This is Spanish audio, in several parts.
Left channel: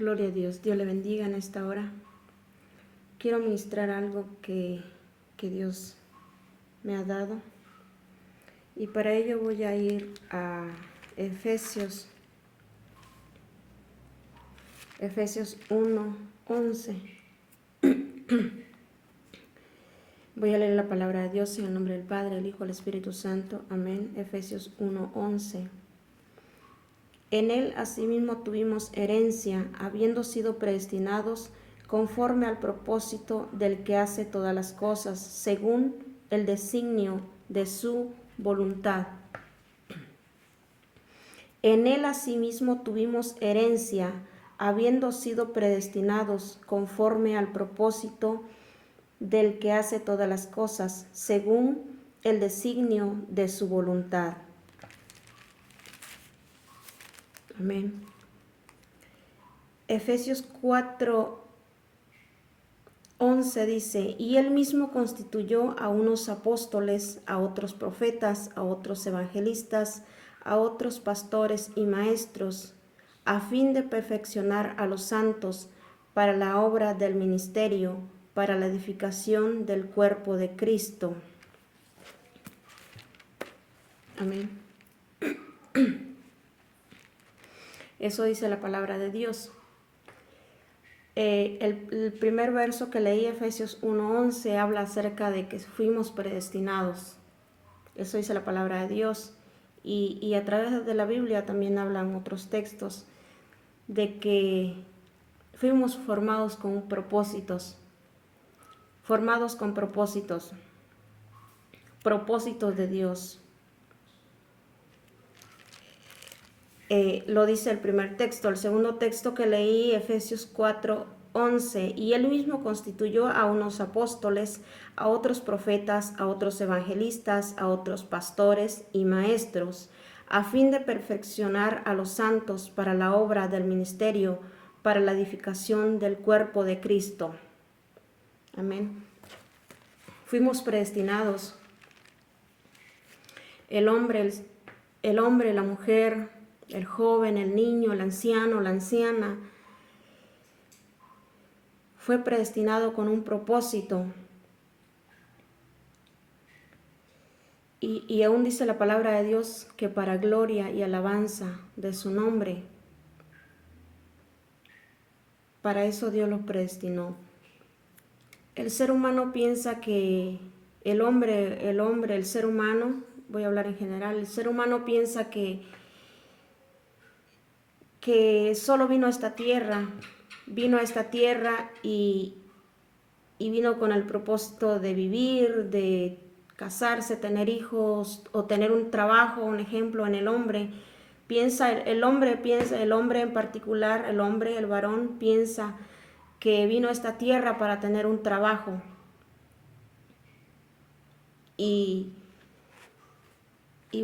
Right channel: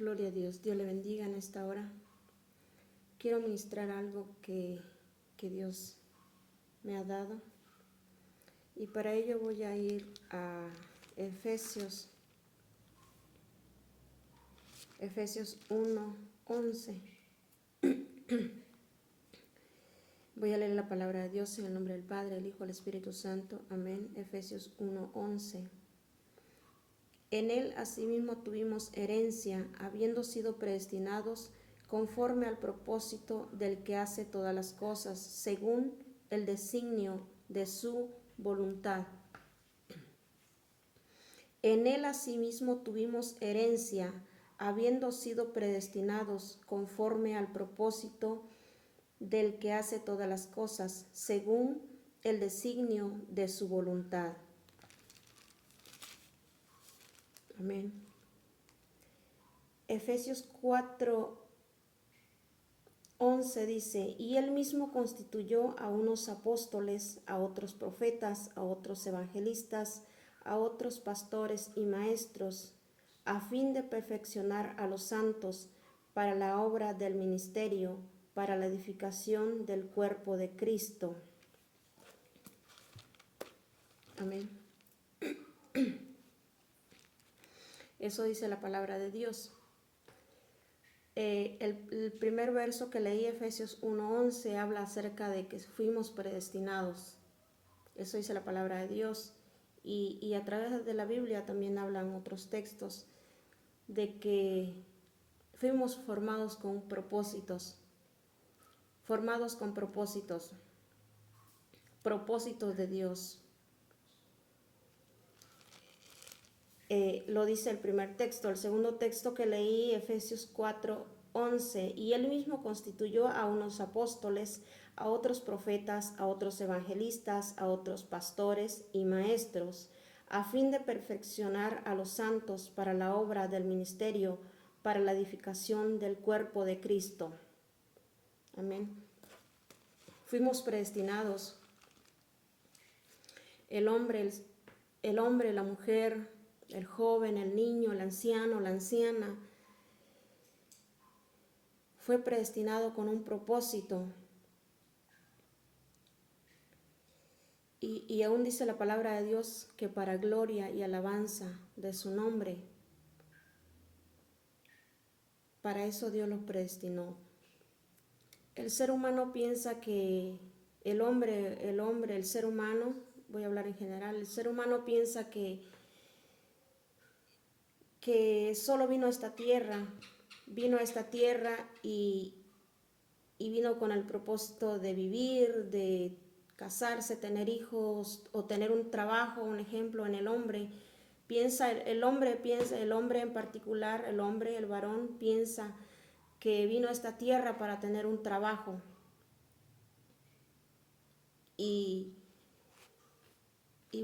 Gloria a Dios. Dios le bendiga en esta hora. Quiero ministrar algo que Dios me ha dado. Y para ello voy a ir a Efesios 1:11. Voy a leer la palabra de Dios en el nombre del Padre, el Hijo, el Espíritu Santo. Amén. Efesios 1:11. En él asimismo tuvimos herencia, habiendo sido predestinados conforme al propósito del que hace todas las cosas, según el designio de su voluntad. En él asimismo tuvimos herencia, habiendo sido predestinados conforme al propósito del que hace todas las cosas, según el designio de su voluntad. Amén. Efesios 4:11 dice, y él mismo constituyó a unos apóstoles, a otros profetas, a otros evangelistas, a otros pastores y maestros, a fin de perfeccionar a los santos para la obra del ministerio, para la edificación del cuerpo de Cristo. Amén. Eso dice la palabra de Dios. El primer verso que leí, Efesios 1:11, habla acerca de que fuimos predestinados. Eso dice la palabra de Dios. Y a través de la Biblia también hablan otros textos de que fuimos formados con propósitos. Formados con propósitos. Propósitos de Dios. Lo dice el primer texto. El segundo texto que leí, Efesios 4:11, y él mismo constituyó a unos apóstoles, a otros profetas, a otros evangelistas, a otros pastores y maestros, a fin de perfeccionar a los santos para la obra del ministerio, para la edificación del cuerpo de Cristo. Amén. Fuimos predestinados. El hombre, la mujer, el joven, el niño, el anciano, la anciana, fue predestinado con un propósito. Y aún dice la palabra de Dios que para gloria y alabanza de su nombre, para eso Dios los predestinó. El ser humano piensa que el ser humano, voy a hablar en general, el ser humano piensa que solo vino a esta tierra y vino con el propósito de vivir, de casarse, tener hijos o tener un trabajo. Un ejemplo en el hombre. El hombre en particular, el varón piensa que vino a esta tierra para tener un trabajo. Y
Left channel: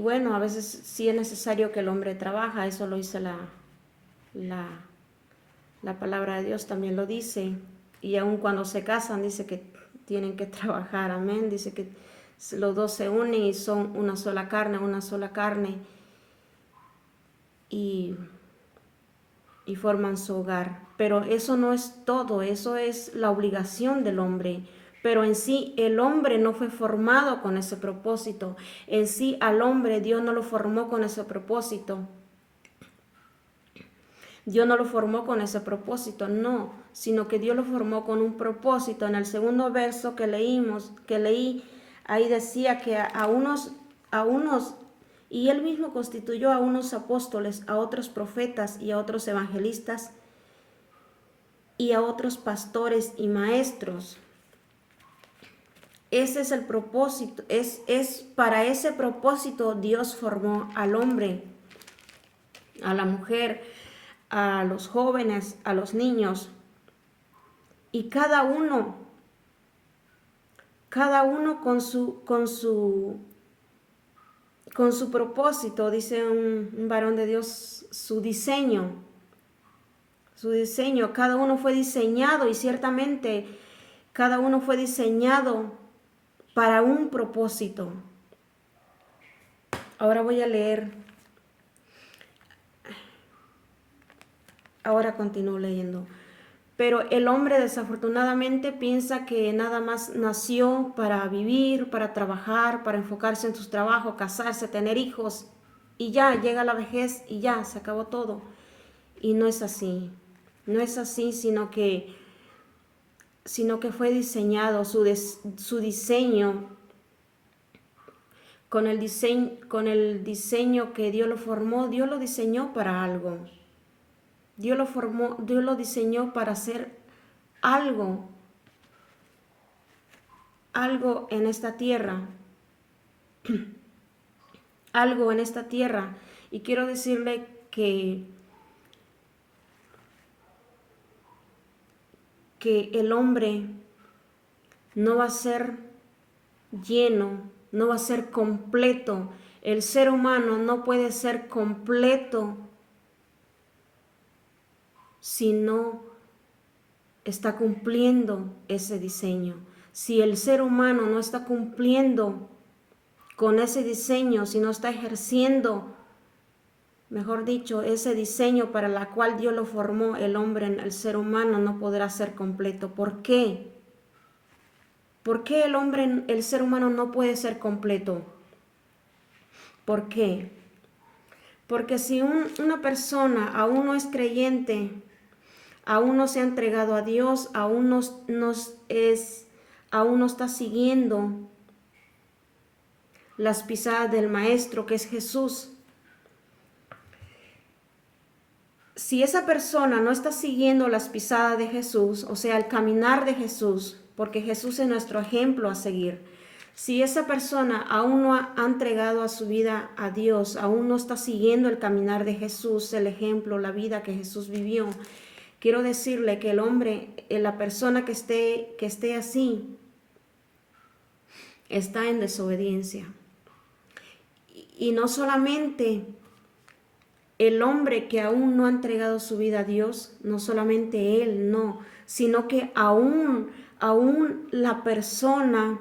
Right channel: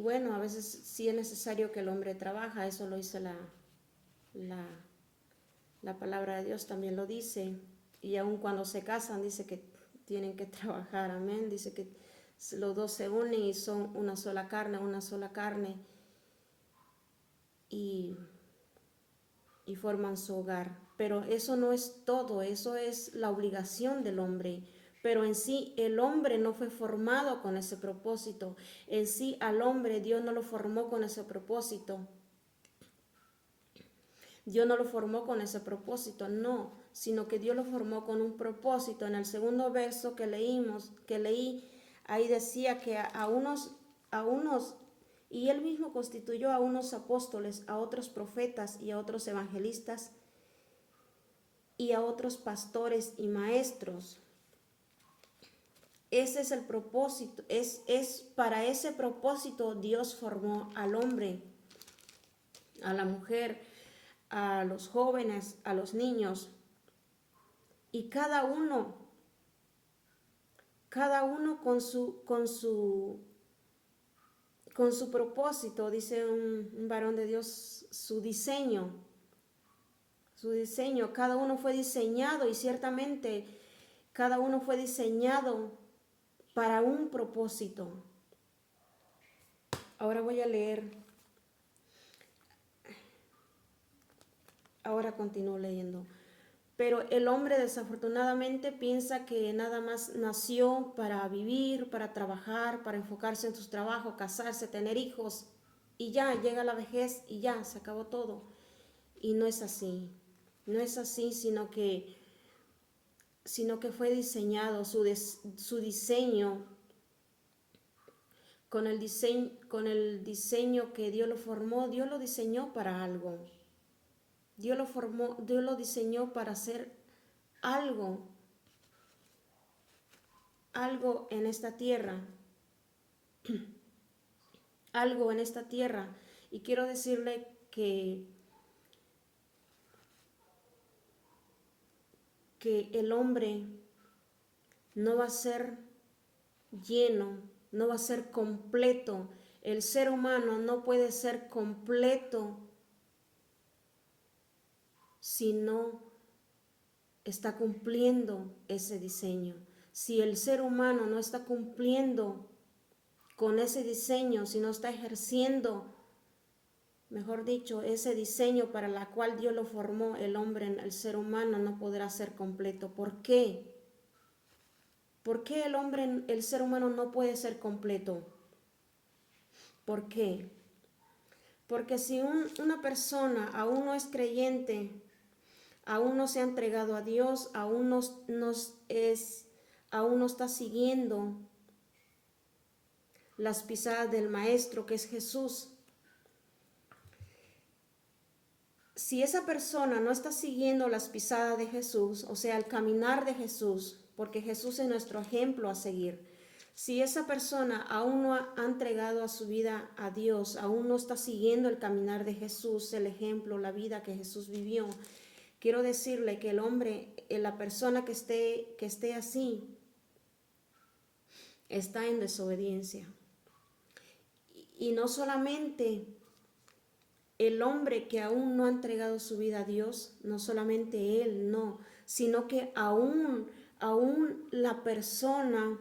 bueno, a veces sí es necesario que el hombre trabaja, eso lo dice la palabra de Dios, también lo dice. Y aun cuando se casan dice que tienen que trabajar, amén. Dice que los dos se unen y son una sola carne y forman su hogar. Pero eso no es todo, eso es la obligación del hombre. Pero en sí el hombre no fue formado con ese propósito. En sí al hombre Dios no lo formó con ese propósito. Dios no lo formó con ese propósito, no, sino que Dios lo formó con un propósito. En el segundo verso que leí, ahí decía que a unos, y él mismo constituyó a unos apóstoles, a otros profetas y a otros evangelistas y a otros pastores y maestros. Ese es el propósito, es para ese propósito Dios formó al hombre, a la mujer, a los jóvenes, a los niños, y cada uno con su propósito, dice un varón de Dios, su diseño, cada uno fue diseñado, y ciertamente cada uno fue diseñado para un propósito. Ahora voy a leer Ahora continúo leyendo. Pero el hombre desafortunadamente piensa que nada más nació para vivir, para trabajar, para enfocarse en su trabajo, casarse, tener hijos y ya llega la vejez y ya se acabó todo. Y no es así. No es así, sino que fue diseñado, su diseño, con el diseño que Dios lo formó, Dios lo diseñó para algo. Dios lo diseñó para hacer algo en esta tierra, algo en esta tierra. Y quiero decirle que el hombre no va a ser lleno, no va a ser completo. El ser humano no puede ser completo si no está cumpliendo ese diseño. Si el ser humano no está cumpliendo con ese diseño, si no está ejerciendo, mejor dicho, ese diseño para la cual Dios lo formó, el hombre, el ser humano no podrá ser completo. ¿Por qué? ¿Por qué el ser humano no puede ser completo? ¿Por qué? Porque si una persona aún no es creyente, aún no se ha entregado a Dios, aún no está siguiendo las pisadas del Maestro, que es Jesús. Si esa persona no está siguiendo las pisadas de Jesús, o sea, el caminar de Jesús, porque Jesús es nuestro ejemplo a seguir. Si esa persona aún no ha entregado a su vida a Dios, aún no está siguiendo el caminar de Jesús, el ejemplo, la vida que Jesús vivió, quiero decirle que el hombre, la persona que esté así, está en desobediencia. Y no solamente el hombre que aún no ha entregado su vida a Dios, no solamente él, no, sino que aún la persona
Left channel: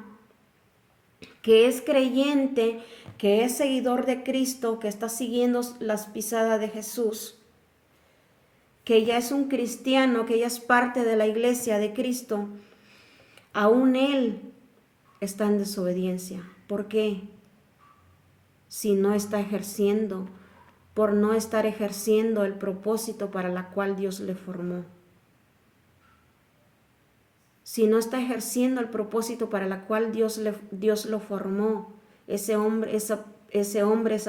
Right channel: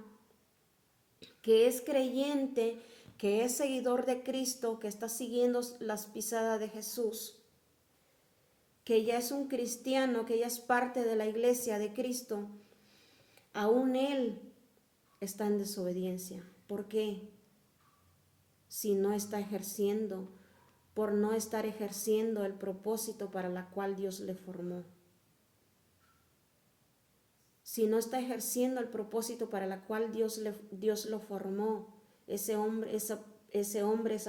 que es creyente, que es seguidor de Cristo, que está siguiendo las pisadas de Jesús, que ya es un cristiano, que ya es parte de la iglesia de Cristo, aún él está en desobediencia. ¿Por qué? Si no está ejerciendo, por no estar ejerciendo el propósito para la cual Dios le formó. Si no está ejerciendo el propósito para la cual Dios lo formó, ese hombre, esa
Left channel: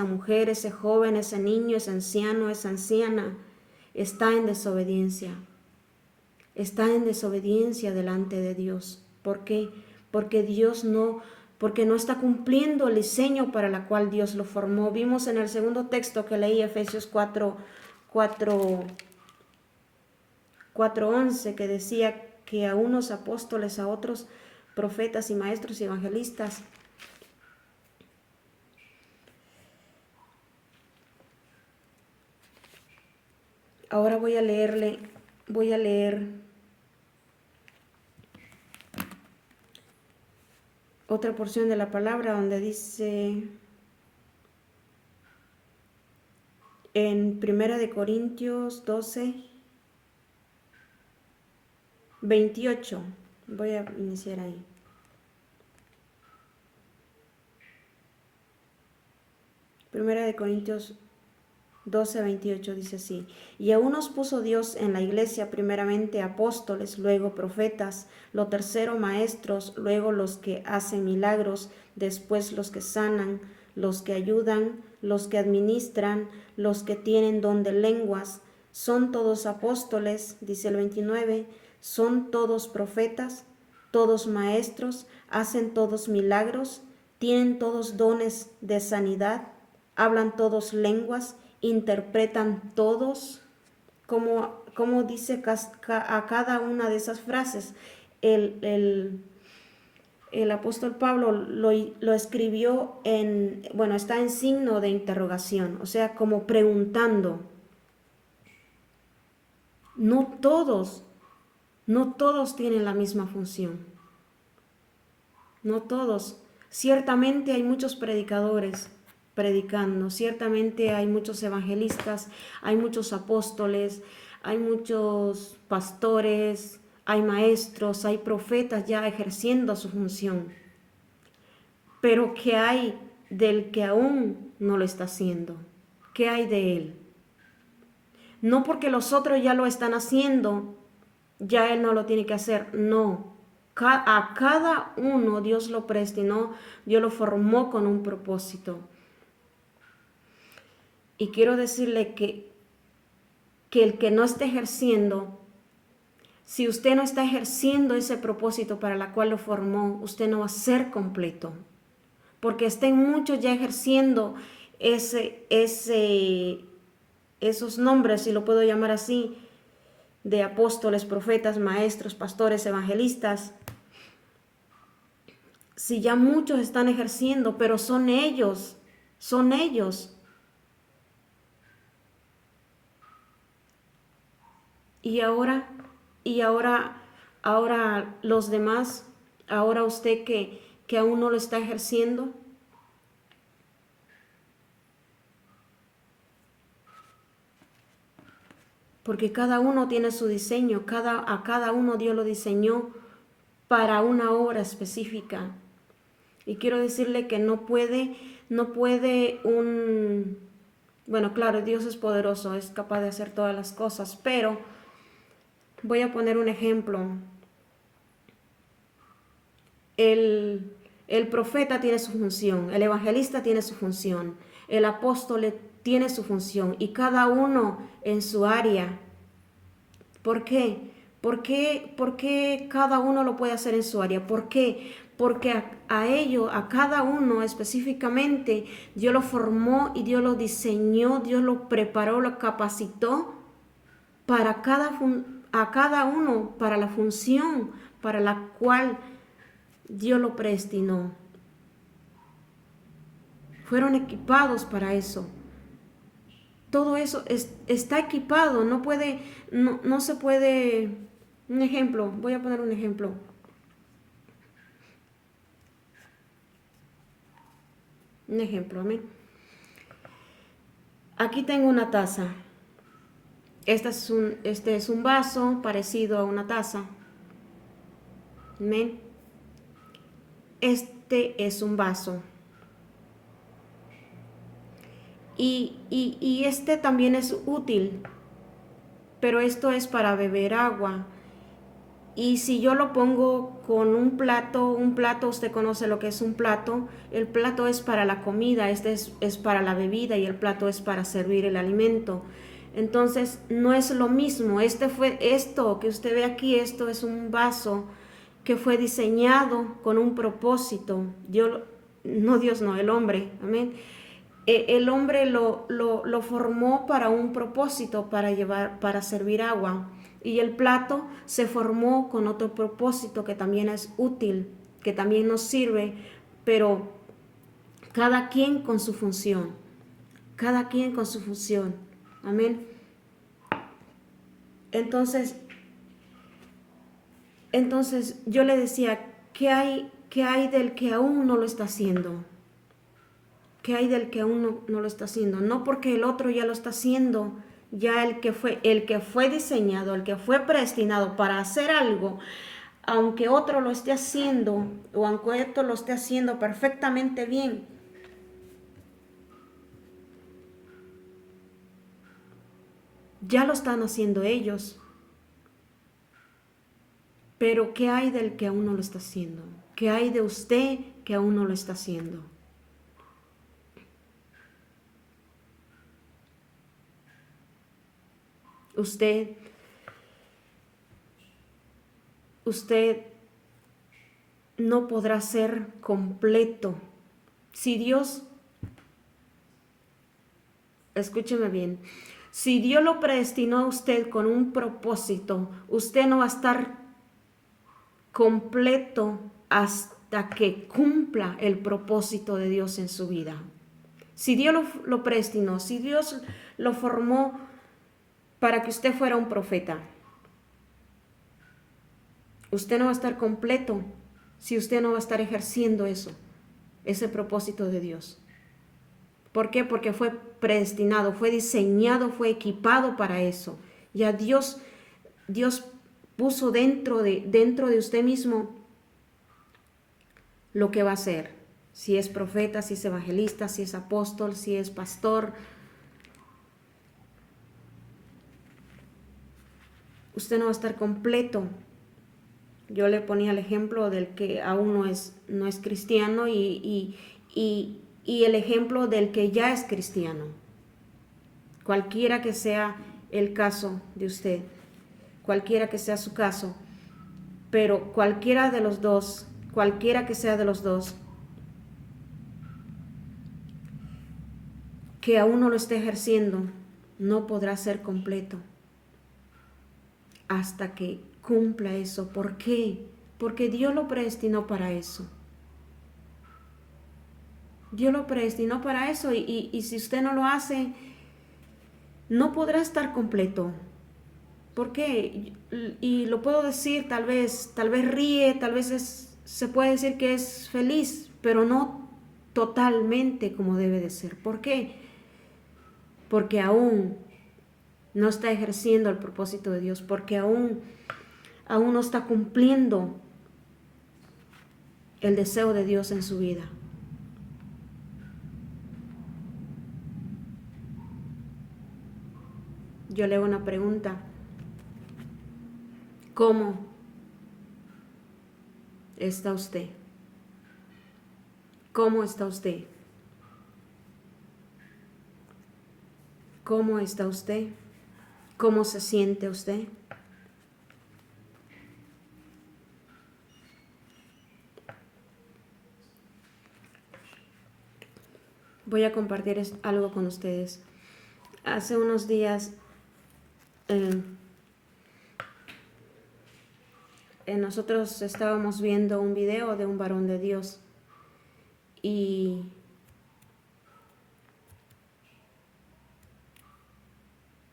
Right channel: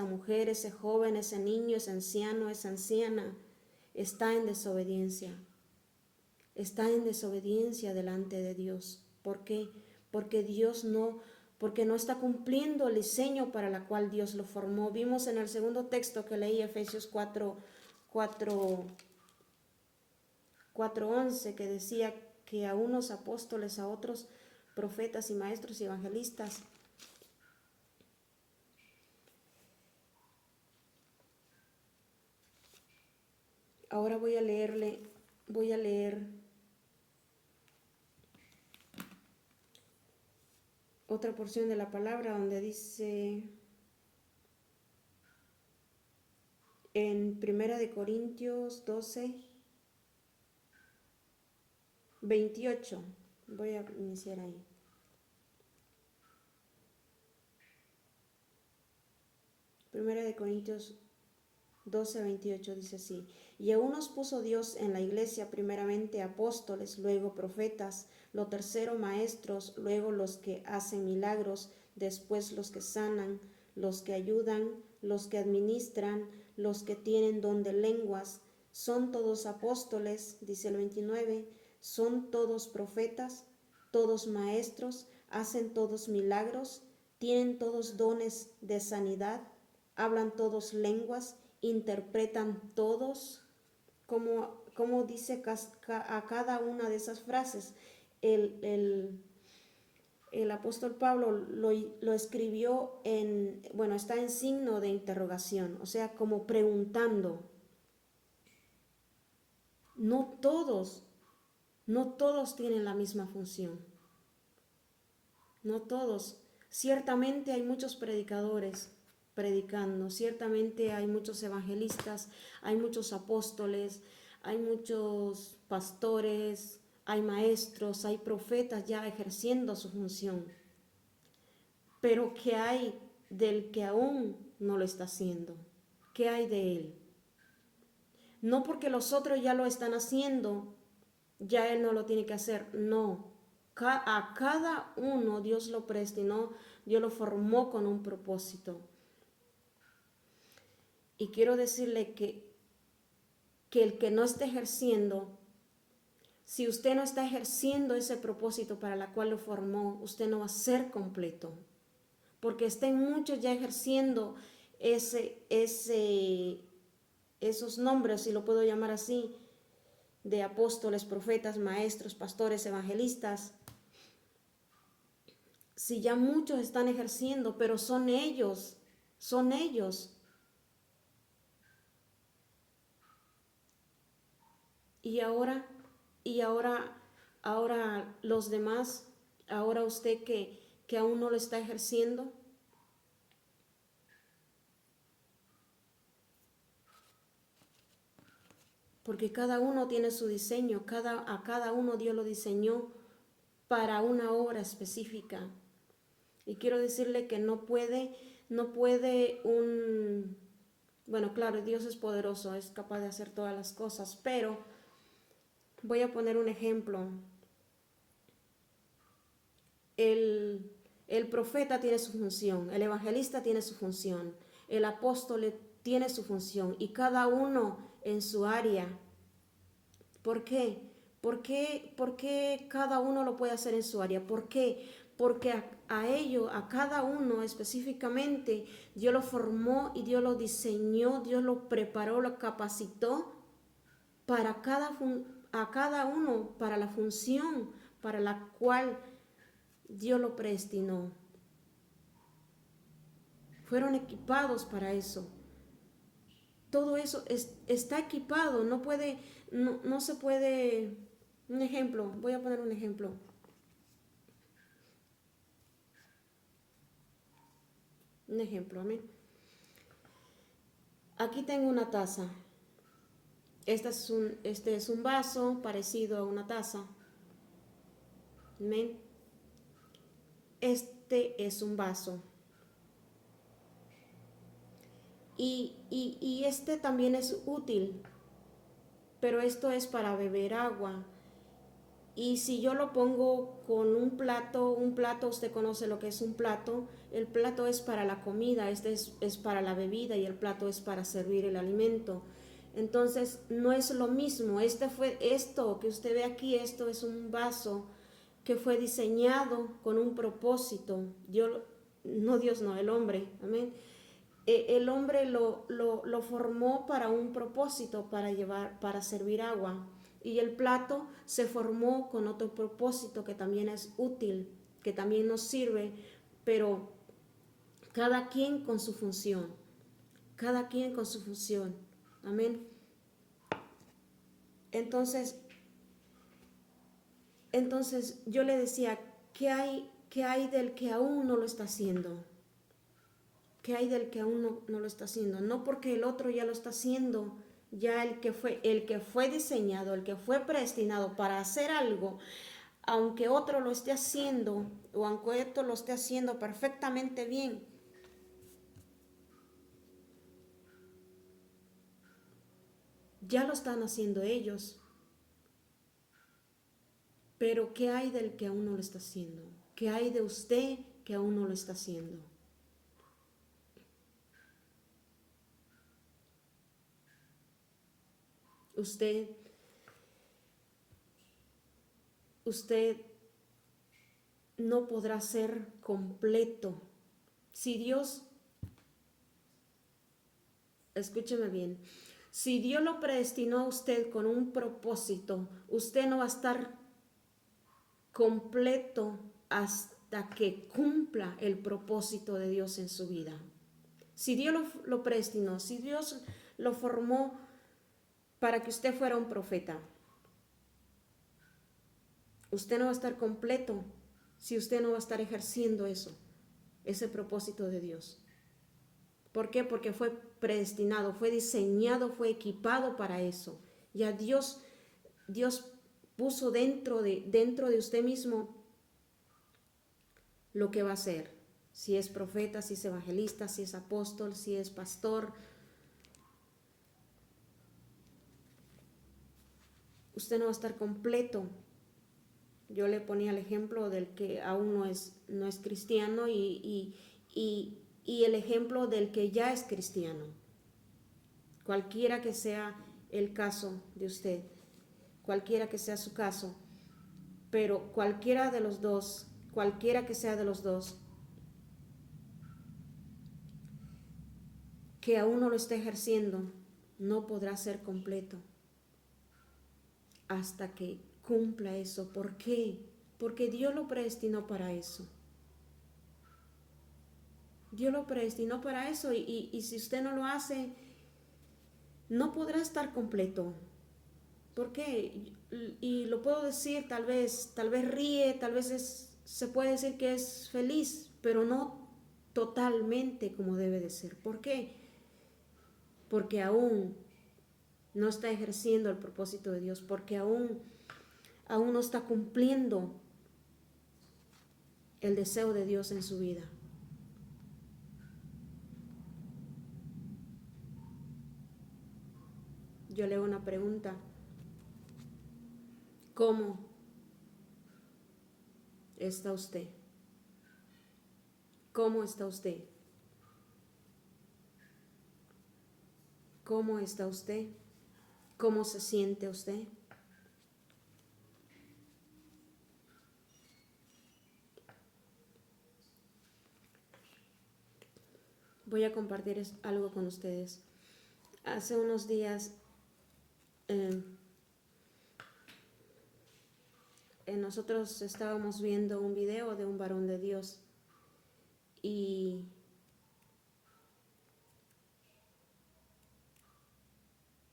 mujer, ese joven, ese niño, ese anciano, esa anciana, está en desobediencia. Está en desobediencia delante de Dios. ¿Por qué? Porque no está cumpliendo el diseño para la cual Dios lo formó. Vimos en el segundo texto que leí, Efesios 4:11, que decía que a unos apóstoles, a otros profetas y maestros y evangelistas. Ahora voy a leer otra porción de la palabra donde dice en 1 Corintios 12:28. Voy a iniciar ahí. Primera de Corintios 12:28 dice así: y a unos puso Dios en la iglesia primeramente apóstoles, luego profetas, lo tercero maestros, luego los que hacen milagros, después los que sanan, los que ayudan, los que administran, los que tienen don de lenguas. Son todos apóstoles, dice el 29, son todos profetas, todos maestros, hacen todos milagros, tienen todos dones de sanidad, hablan todos lenguas, interpretan todos. Como dice a cada una de esas frases. El apóstol Pablo lo escribió está en signo de interrogación, o sea, como preguntando. No todos tienen la misma función. No todos. Ciertamente hay muchos predicadores predicando, ciertamente hay muchos evangelistas, hay muchos apóstoles, hay muchos pastores, hay maestros, hay profetas ya ejerciendo su función. Pero ¿qué hay del que aún no lo está haciendo? ¿Qué hay de él? No porque los otros ya lo están haciendo, ya él no lo tiene que hacer. No. A cada uno Dios lo predestinó, Dios lo formó con un propósito. Y quiero decirle que el que no esté ejerciendo, si usted no está ejerciendo ese propósito para la cual lo formó, usted no va a ser completo. Porque estén muchos ya ejerciendo esos nombres, si lo puedo llamar así, de apóstoles, profetas, maestros, pastores, evangelistas. Si ya muchos están ejerciendo, pero son ellos. Y ahora los demás, ahora usted que aún no lo está ejerciendo. Porque cada uno tiene su diseño, a cada uno Dios lo diseñó para una obra específica. Y quiero decirle que no puede bueno, claro, Dios es poderoso, es capaz de hacer todas las cosas, pero voy a poner un ejemplo. El profeta tiene su función, el evangelista tiene su función, el apóstol tiene su función y cada uno en su área. ¿Por qué? ¿Por qué cada uno lo puede hacer en su área? ¿Por qué? Porque a cada uno específicamente, Dios lo formó y Dios lo diseñó, Dios lo preparó, lo capacitó para a cada uno, para la función para la cual Dios lo predestinó. Fueron equipados para eso. Todo eso está equipado, no se puede. Un ejemplo, voy a poner un ejemplo. Amén. Aquí tengo una taza. Este es un vaso parecido a una taza. Amén. Este es un vaso. Y este también es útil, pero esto es para beber agua. Y si yo lo pongo con un plato, usted conoce lo que es un plato, el plato es para la comida, este es para la bebida y el plato es para servir el alimento. Entonces no es lo mismo, esto que usted ve aquí, esto es un vaso que fue diseñado con un propósito. El hombre, amén. El hombre lo formó para un propósito, para servir agua. Y el plato se formó con otro propósito que también es útil, que también nos sirve, pero cada quien con su función. Cada quien con su función. Amén. Entonces yo le decía, ¿qué hay del que aún no lo está haciendo? ¿Qué hay del que aún no lo está haciendo? No porque el otro ya lo está haciendo, ya el que fue diseñado, el que fue predestinado para hacer algo, aunque otro lo esté haciendo o aunque otro lo esté haciendo perfectamente bien, ya lo están haciendo ellos. Pero ¿qué hay del que aún no lo está haciendo? ¿Qué hay de usted que aún no lo está haciendo? Usted no podrá ser completo. Si Dios, escúcheme bien, si Dios lo predestinó a usted con un propósito, usted no va a estar completo hasta que cumpla el propósito de Dios en su vida. Si Dios lo predestinó, si Dios lo formó para que usted fuera un profeta, usted no va a estar completo si usted no va a estar ejerciendo ese propósito de Dios. ¿Por qué? Porque fue predestinado, fue diseñado, fue equipado para eso. Ya Dios puso dentro de usted mismo lo que va a hacer. Si es profeta, si es evangelista, si es apóstol, si es pastor. Usted no va a estar completo. Yo le ponía el ejemplo del que aún no es cristiano y el ejemplo del que ya es cristiano. Cualquiera que sea el caso de usted, cualquiera que sea su caso, pero cualquiera que sea de los dos, que aún no lo esté ejerciendo, no podrá ser completo hasta que cumpla eso. ¿Por qué? Porque Dios lo predestinó para eso. Dios lo predestinó para eso y si usted no lo hace, no podrá estar completo. ¿Por qué? Y lo puedo decir, tal vez ríe, tal vez se puede decir que es feliz, pero no totalmente como debe de ser. ¿Por qué? Porque aún no está ejerciendo el propósito de Dios, porque aún no está cumpliendo el deseo de Dios en su vida. Yo le hago una pregunta. ¿Cómo está usted? ¿Cómo está usted? ¿Cómo está usted? ¿Cómo se siente usted? Voy a compartir algo con ustedes. Hace unos días nosotros estábamos viendo un video de un varón de Dios y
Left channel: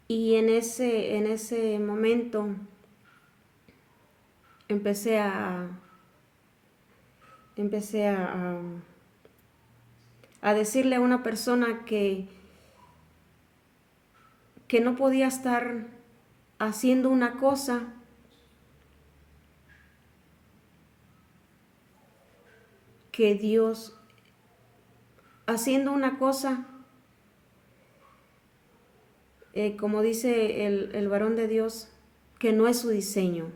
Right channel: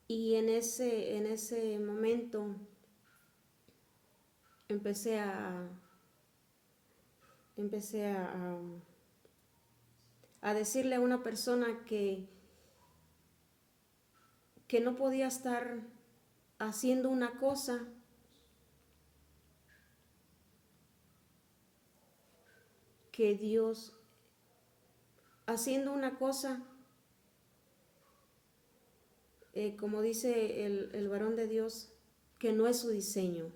en ese momento empecé a decirle a una persona que no podía estar haciendo una cosa que Dios, haciendo una cosa, como dice el varón de Dios, que no es su diseño.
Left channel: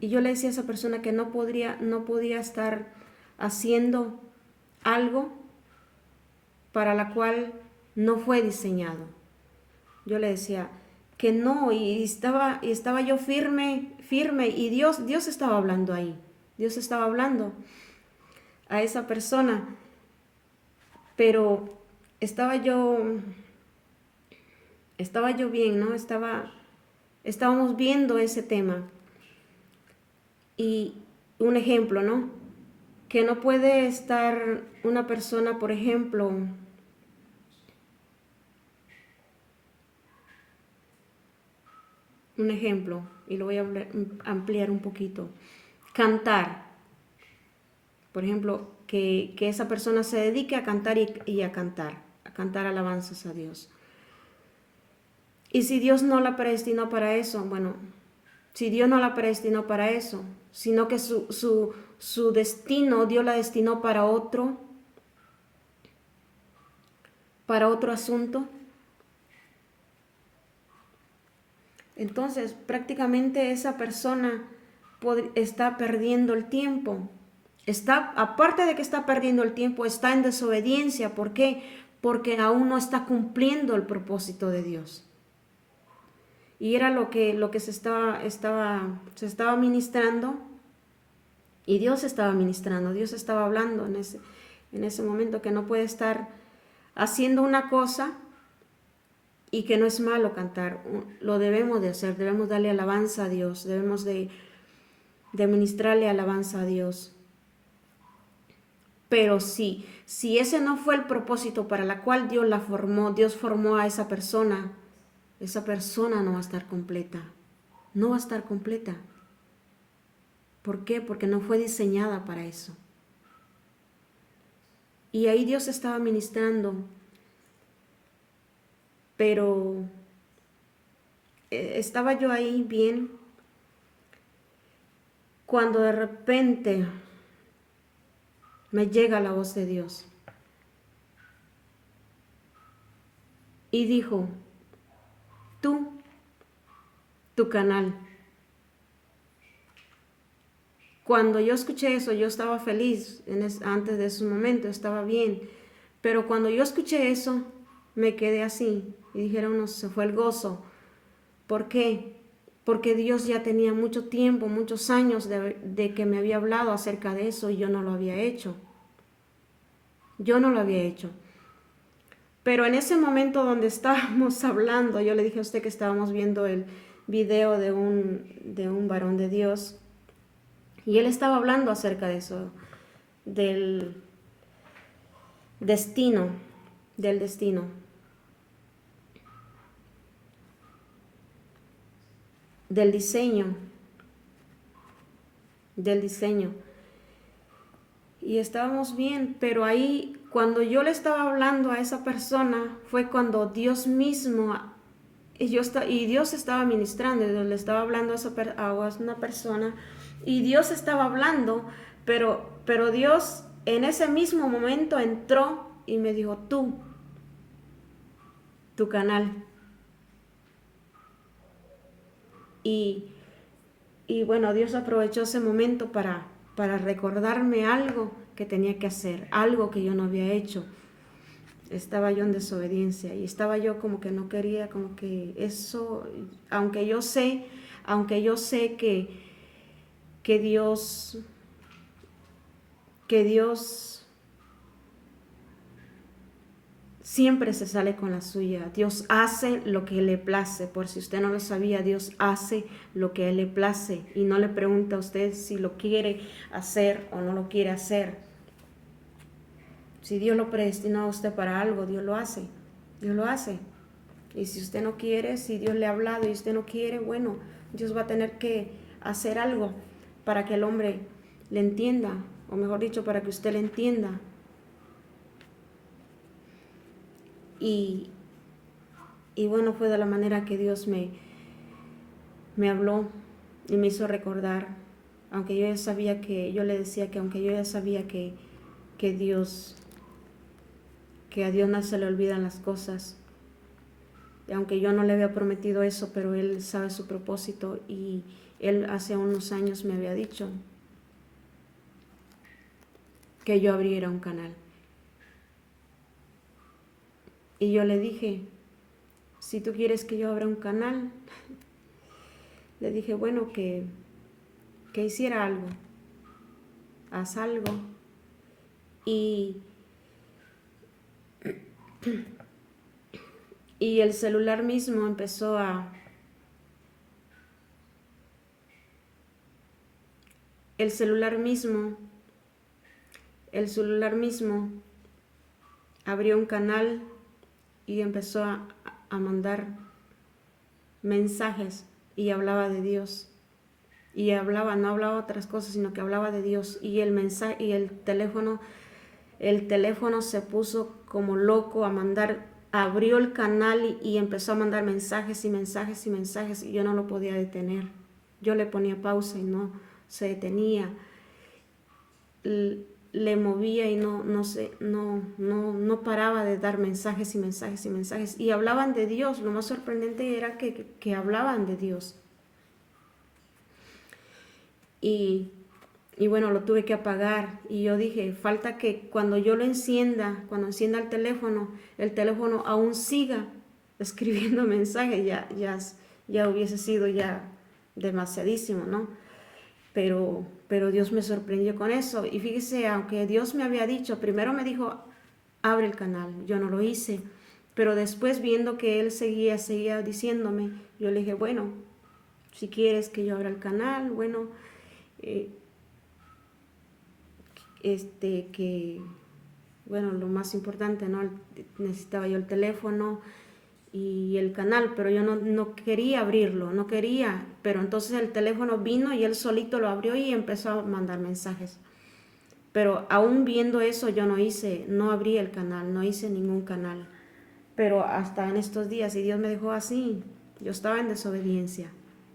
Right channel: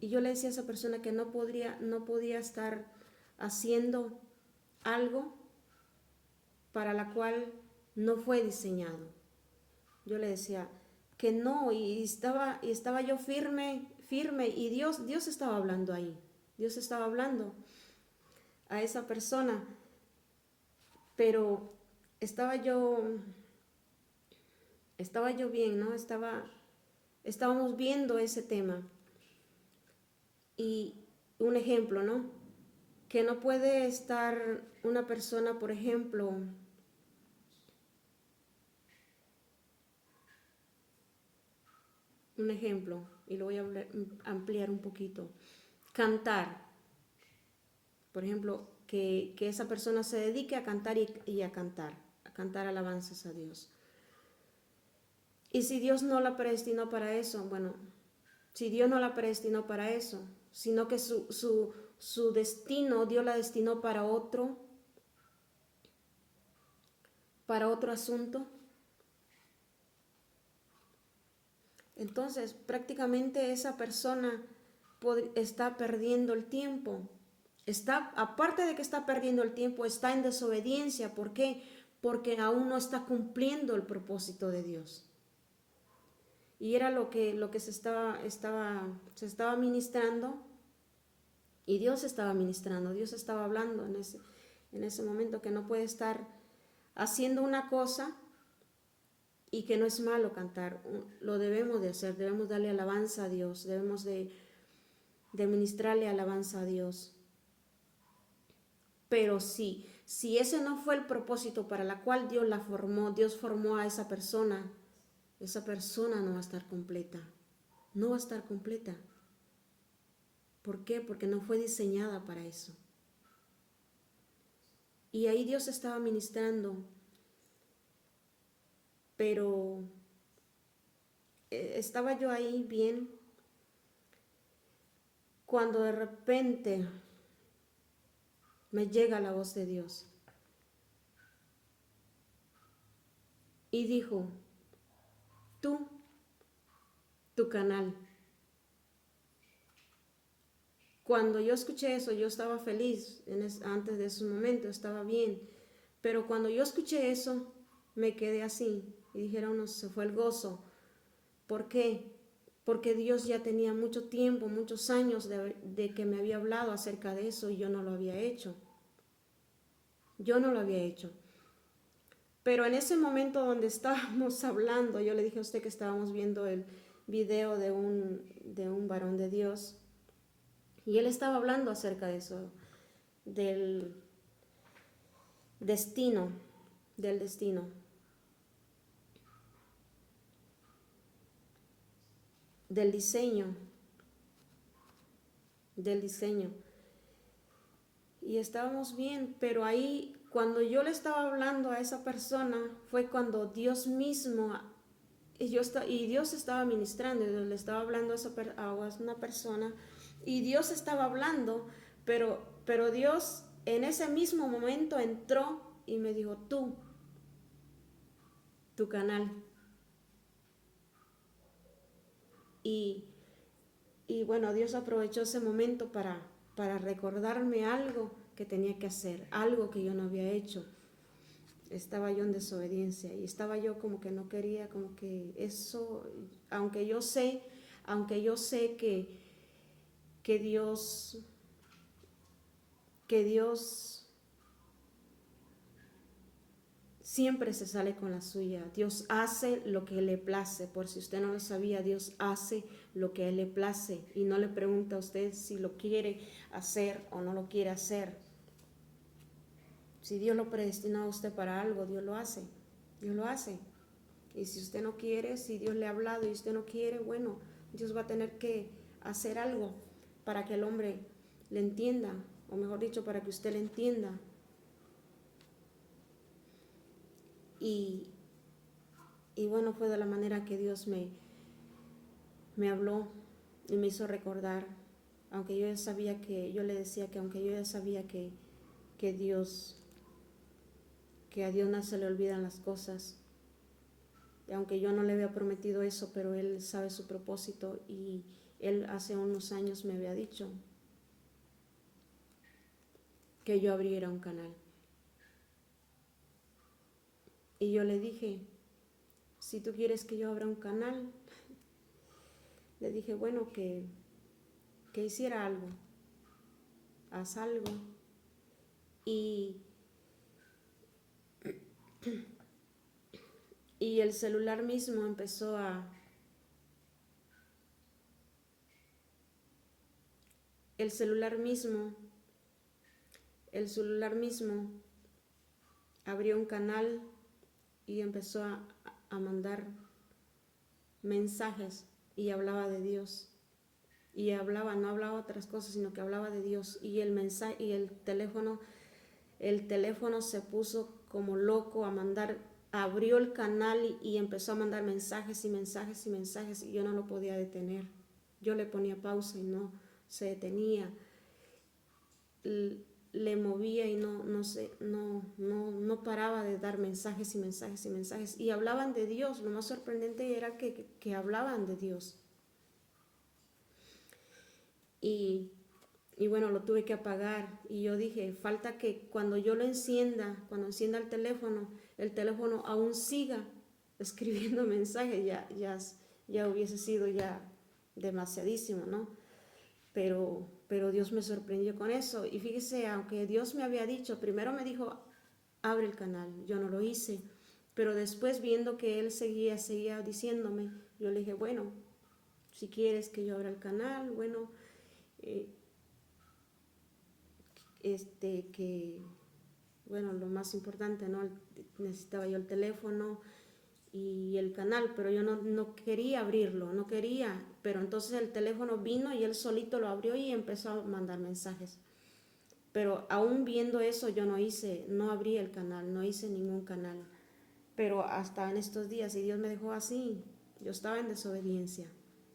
Y yo le decía a esa persona que no podía estar haciendo algo para la cual no fue diseñado. Yo le decía que no, y estaba yo firme, y Dios estaba hablando ahí. Dios estaba hablando a esa persona, pero estaba yo bien, ¿no? Estábamos viendo ese tema. Y un ejemplo, ¿no? Que no puede estar una persona, por ejemplo, y lo voy a ampliar un poquito. Cantar. Por ejemplo, que esa persona se dedique a cantar y a cantar alabanzas a Dios. Y si Dios no la predestinó para eso, bueno, si Dios no la predestinó para eso, sino que su destino, Dios la destinó para otro asunto, entonces prácticamente esa persona está perdiendo el tiempo. Aparte de que está perdiendo el tiempo, está en desobediencia. ¿Por qué? Porque aún no está cumpliendo el propósito de Dios. Y era lo que se estaba ministrando, y Dios estaba ministrando, Dios estaba hablando en ese momento, que no puede estar haciendo una cosa y que no es malo cantar. Lo debemos de hacer, debemos darle alabanza a Dios, debemos de ministrarle alabanza a Dios. Pero si ese no fue el propósito para la cual Dios formó a esa persona no va a estar completa. No va a estar completa. ¿Por qué? Porque no fue diseñada para eso. Y ahí Dios estaba ministrando. Pero estaba yo ahí bien, cuando de repente me llega la voz de Dios y dijo, tú, tu canal. Cuando yo escuché eso, yo estaba feliz antes de ese momento, estaba bien. Pero cuando yo escuché eso, me quedé así y dijeron, no, se fue el gozo. ¿Por qué? Porque Dios ya tenía mucho tiempo, muchos años de que me había hablado acerca de eso y yo no lo había hecho. Yo no lo había hecho. Pero en ese momento donde estábamos hablando, yo le dije a usted que estábamos viendo el video de un varón de Dios y él estaba hablando acerca de eso, del destino, del destino. Del diseño, y estábamos bien, pero ahí cuando yo le estaba hablando a esa persona fue cuando Dios mismo y Dios estaba ministrando, le estaba hablando a una persona y Dios estaba hablando, pero Dios en ese mismo momento entró y me dijo, tu canal. Y bueno, Dios aprovechó ese momento para recordarme algo que tenía que hacer, algo que yo no había hecho. Estaba yo en desobediencia y estaba yo como que no quería, como que eso, aunque yo sé que Dios siempre se sale con la suya. Dios hace lo que le place. Por si usted no lo sabía, Dios hace lo que le place y no le pregunta a usted si lo quiere hacer o no lo quiere hacer. Si Dios lo predestinó a usted para algo, Dios lo hace. Dios lo hace. Y si usted no quiere, si Dios le ha hablado y usted no quiere, bueno, Dios va a tener que hacer algo para que el hombre le entienda, o mejor dicho, para que usted le entienda. Y bueno, fue de la manera que Dios me habló y me hizo recordar, aunque yo ya sabía yo le decía que aunque yo ya sabía que a Dios no se le olvidan las cosas, y aunque yo no le había prometido eso, pero Él sabe su propósito y Él hace unos años me había dicho que yo abriera un canal. Y yo le dije, si tú quieres que yo abra un canal, le dije, bueno, que hiciera algo, haz algo. Y el celular mismo empezó a... El celular mismo abrió un canal y empezó a mandar mensajes y hablaba de Dios. Y no hablaba otras cosas, sino que hablaba de Dios. Y el mensaje y el teléfono se puso como loco abrió el canal y empezó a mandar mensajes y mensajes y mensajes y yo no lo podía detener. Yo le ponía pausa y no se detenía. Le movía y no paraba de dar mensajes y mensajes y mensajes. Y hablaban de Dios. Lo más sorprendente era que hablaban de Dios. Y bueno, lo tuve que apagar y yo dije, falta que cuando encienda el teléfono aún siga escribiendo mensajes, ya hubiese sido ya demasiadísimo, ¿no? Pero Dios me sorprendió con eso y fíjese, aunque Dios me había dicho, primero me dijo, abre el canal, yo no lo hice, pero después viendo que Él seguía diciéndome, yo le dije, bueno, si quieres que yo abra el canal, bueno, bueno, lo más importante, ¿no? Necesitaba yo el teléfono y el canal, pero yo no quería abrirlo, no quería, pero entonces el teléfono vino y él solito lo abrió y empezó a mandar mensajes. Pero aún viendo eso yo no abrí el canal, no hice ningún canal. Pero hasta en estos días, y Dios me dejó así, Yo estaba en desobediencia.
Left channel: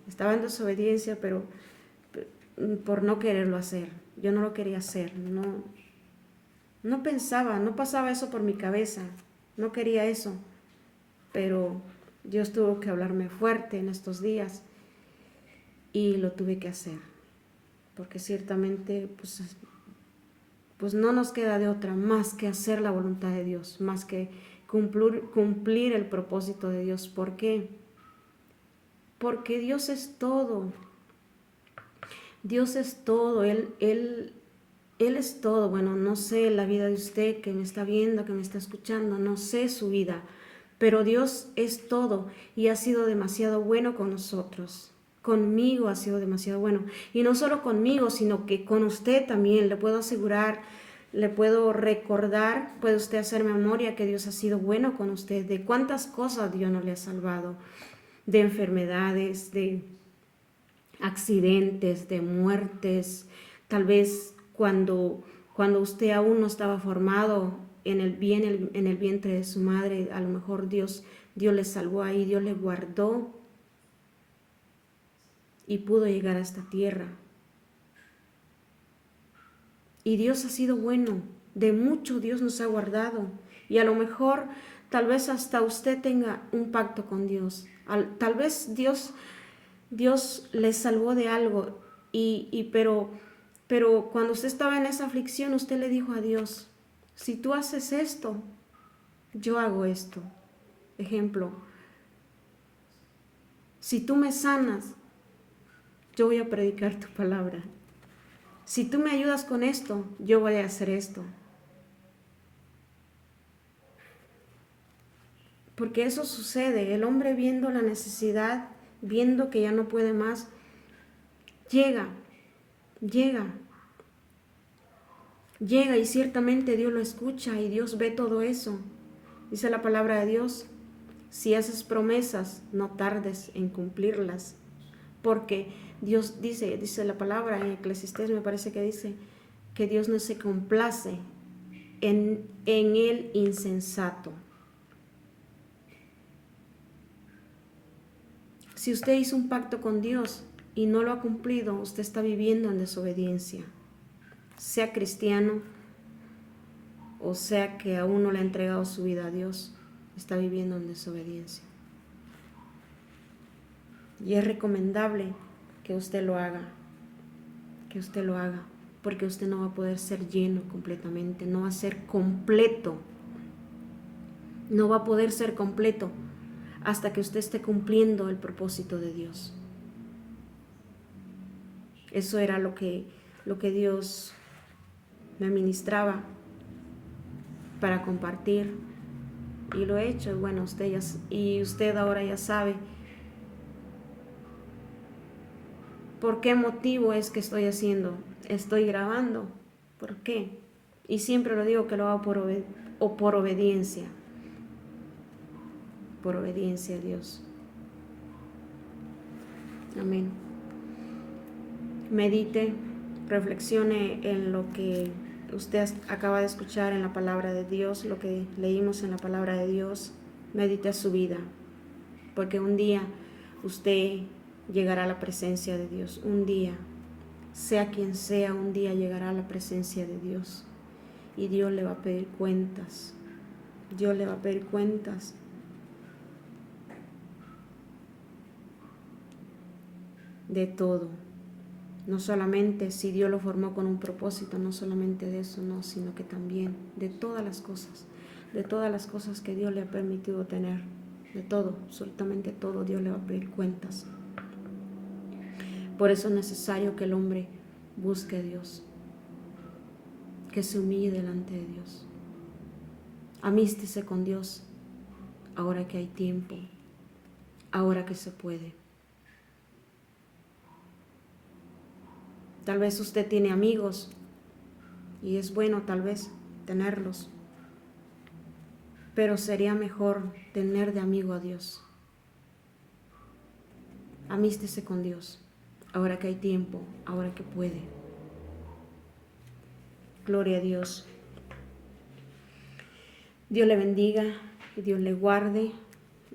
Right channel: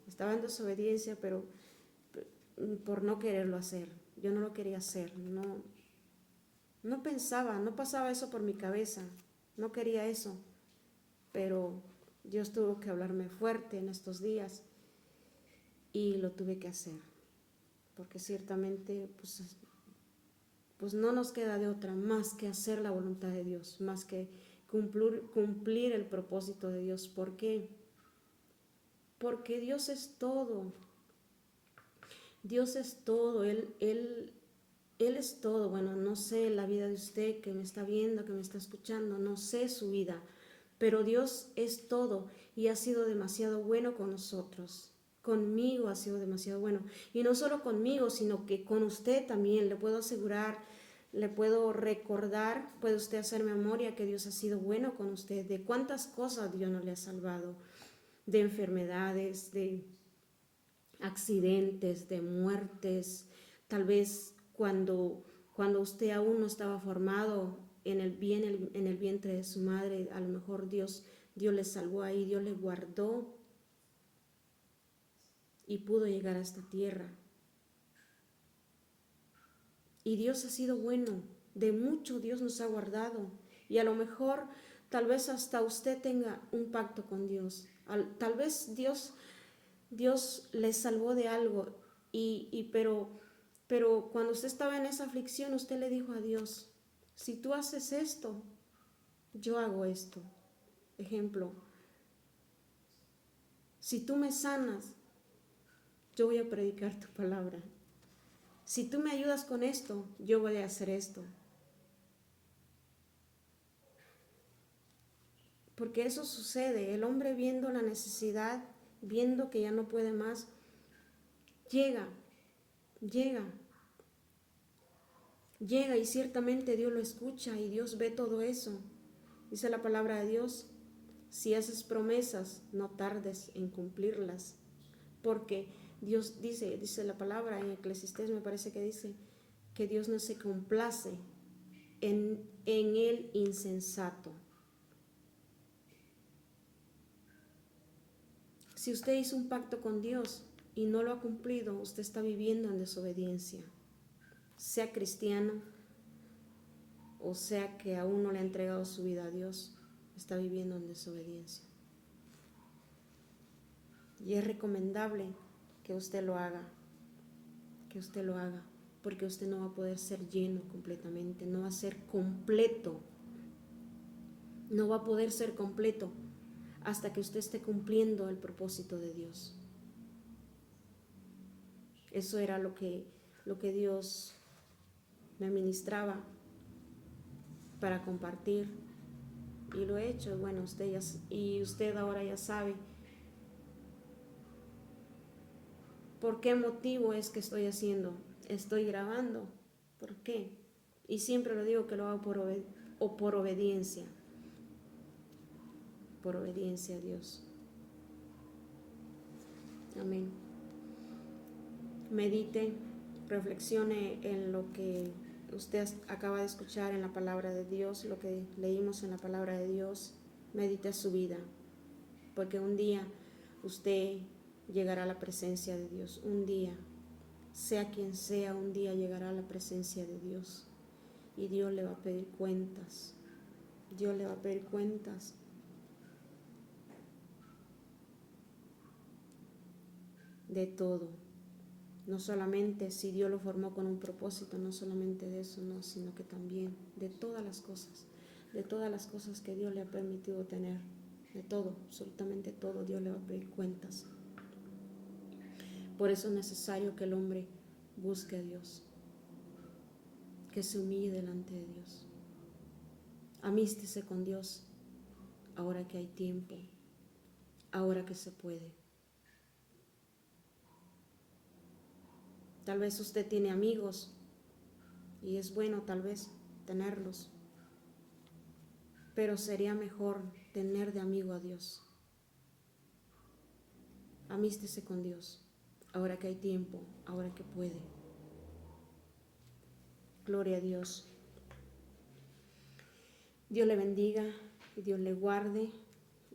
Estaba en desobediencia, pero por no quererlo hacer. Yo no lo quería hacer. No pensaba, no pasaba eso por mi cabeza. No quería eso. Pero Dios tuvo que hablarme fuerte en estos días y lo tuve que hacer. Porque ciertamente, pues no nos queda de otra más que hacer la voluntad de Dios, más que cumplir el propósito de Dios. ¿Por qué? Porque Dios es todo. Dios es todo. Él es todo. Bueno, no sé la vida de usted que me está viendo, que me está escuchando, no sé su vida, pero Dios es todo y ha sido demasiado bueno con nosotros. Conmigo ha sido demasiado bueno. Y no solo conmigo, sino que con usted también. Le puedo asegurar, le puedo recordar, puede usted hacer memoria que Dios ha sido bueno con usted. De cuántas cosas Dios no le ha salvado. De enfermedades, de accidentes, de muertes. Tal vez cuando usted aún no estaba formado en el vientre de su madre, a lo mejor Dios le salvó ahí, Dios le guardó y pudo llegar a esta tierra. Y Dios ha sido bueno, de mucho Dios nos ha guardado. Y a lo mejor, tal vez hasta usted tenga un pacto con Dios. Tal vez Dios le salvó de algo, pero cuando usted estaba en esa aflicción, usted le dijo a Dios, si tú haces esto, yo hago esto. Ejemplo, si tú me sanas, yo voy a predicar tu palabra. Si tú me ayudas con esto, yo voy a hacer esto. Porque eso sucede, el hombre viendo la necesidad, viendo que ya no puede más, llega y ciertamente Dios lo escucha y Dios ve todo eso. Dice la palabra de Dios, si haces promesas, no tardes en cumplirlas. Porque Dios dice la palabra en Eclesiastés, me parece que dice que Dios no se complace en el insensato. Si usted hizo un pacto con Dios y no lo ha cumplido, usted está viviendo en desobediencia. Sea cristiano o sea que aún no le ha entregado su vida a Dios, está viviendo en desobediencia. Y es recomendable que usted lo haga, porque usted no va a poder ser lleno completamente, no va a ser completo, no va a poder ser completo hasta que usted esté cumpliendo el propósito de Dios. Eso era lo que Dios me ministraba para compartir y lo he hecho. Bueno, usted ahora ya sabe por qué motivo es que estoy grabando, por qué. Y siempre lo digo que lo hago por obediencia a Dios. Amén. Medite, reflexione en lo que usted acaba de escuchar en la palabra de Dios, lo que leímos en la palabra de Dios. Medite a su vida, porque un día usted llegará a la presencia de Dios. Un día, sea quien sea, un día llegará a la presencia de Dios y Dios le va a pedir cuentas. Dios le va a pedir cuentas. De todo. No solamente si Dios lo formó con un propósito, no solamente de eso, no, sino que también de todas las cosas que Dios le ha permitido tener, de todo, absolutamente todo, Dios le va a pedir cuentas. Por eso es necesario que el hombre busque a Dios, que se humille delante de Dios. Amístese con Dios ahora que hay tiempo, ahora que se puede. Tal vez usted tiene amigos y es bueno tal vez tenerlos, pero sería mejor tener de amigo a Dios. Amístese con Dios ahora que hay tiempo, ahora que puede. Gloria a Dios. Dios le bendiga y Dios le guarde.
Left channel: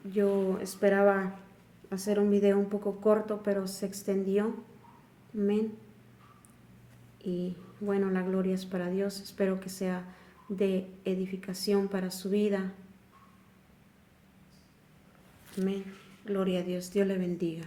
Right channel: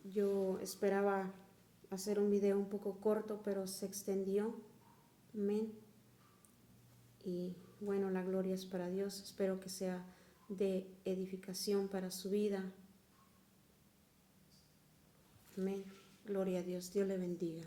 Yo esperaba hacer un video un poco corto, pero se extendió. Amén. Y bueno, la gloria es para Dios. Espero que sea de edificación para su vida. Amén. Gloria a Dios. Dios le bendiga.